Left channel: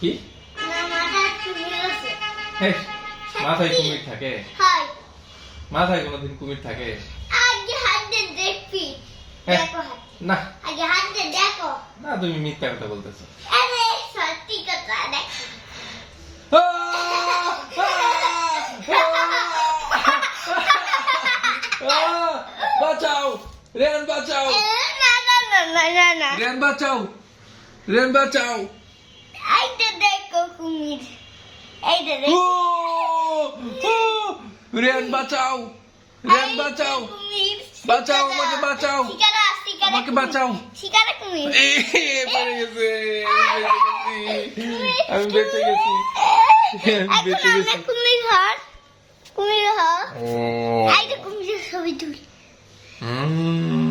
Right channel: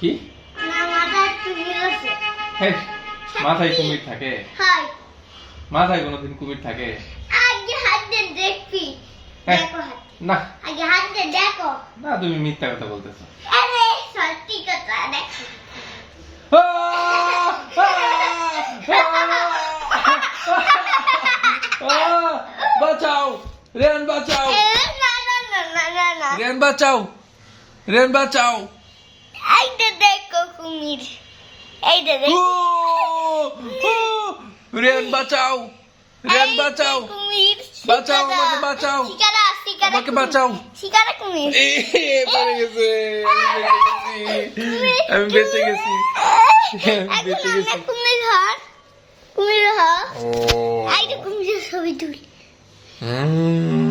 কি না মাথায় কুমির আছে হেই, মাথায় কুমির থাকে? হাই মাথায় কোনোদিন কুমির থাকে? আগে হাত দিয়ে দেখবি হ্যাঁ। দেখো হাত না আগে হাত দিয়ে দেখো না, তুমি মিথ্যা কথা বলতেছো। আরে সত্যি কথা দেখো বাঁচাও রেন, বাঁচাও না না না না না না রেন, বাঁচাও রেন, বাঁচাও। এইটা দেখো কুমির এইটা দেখো রেন, বাঁচাও রেন, বাঁচাও কুমির বাঁচাও, আমাকে বাঁচাও, শিকারা শিকারা আমাকে বাঁচাও। শিকারা কুমির পড়ে গেছে, আমি বেঁচে গেছি, আমি বেঁচে এখন গেছি। আমরা কুমির হর কুমির হর ও এইটা কুমিরের ছবি তুলি হুম